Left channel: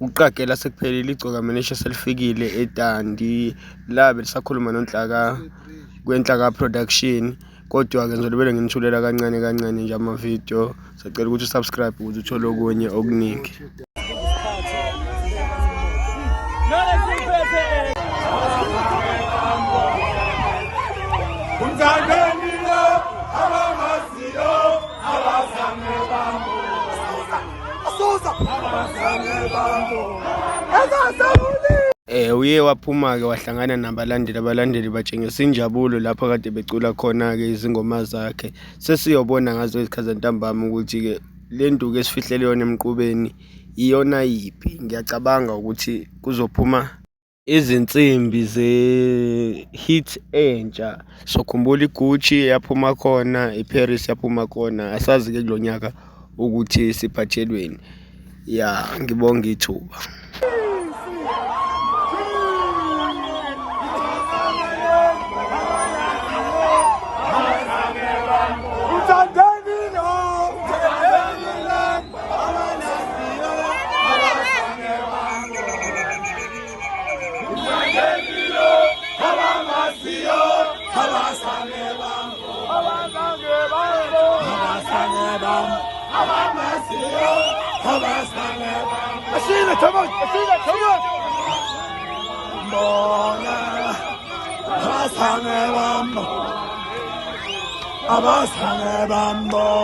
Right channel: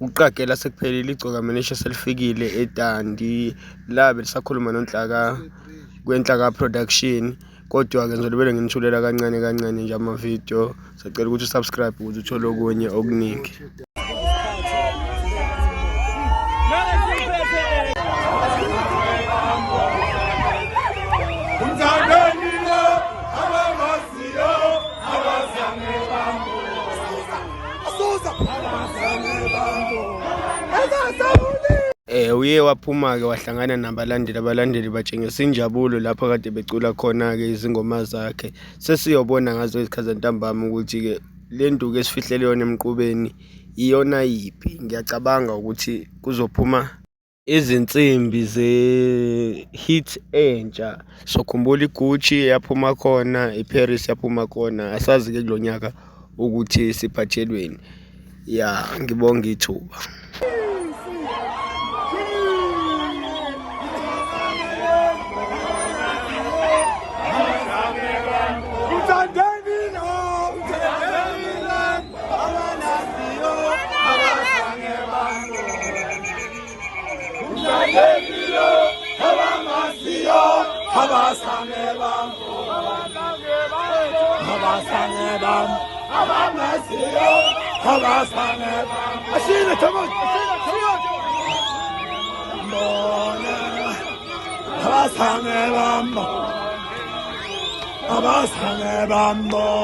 uqagela sekuphelile igcoka manisha selifikile eDandi la belisakhuluma noNhlaka kwenhlaka production. Kodwa-ke ngizolibele nginithulela kancane kancane nje ama-video. Sicela ukuthi usubscribe ukuze uthole okunye okuningi. Uye waphuma-ke wahlangana abalandeli batshengisa injabulo lapho kade becula khona-ke izingoma zakhe. Sesiyobona ngazo izikhathi zantambama ukuthi-ke le nduku esifihlele yona emqubeni iyona yiphi. Ngiyacabanga ukuthi kuzophuma izinsimbi ze-hit entsha. Sokhumbula iGucci yaphuma khona, iParis yaphuma khona. Asazi-ke kulo nyaka ukuthi siphathelweni. Ya, ngibonga ithuba. Bambo.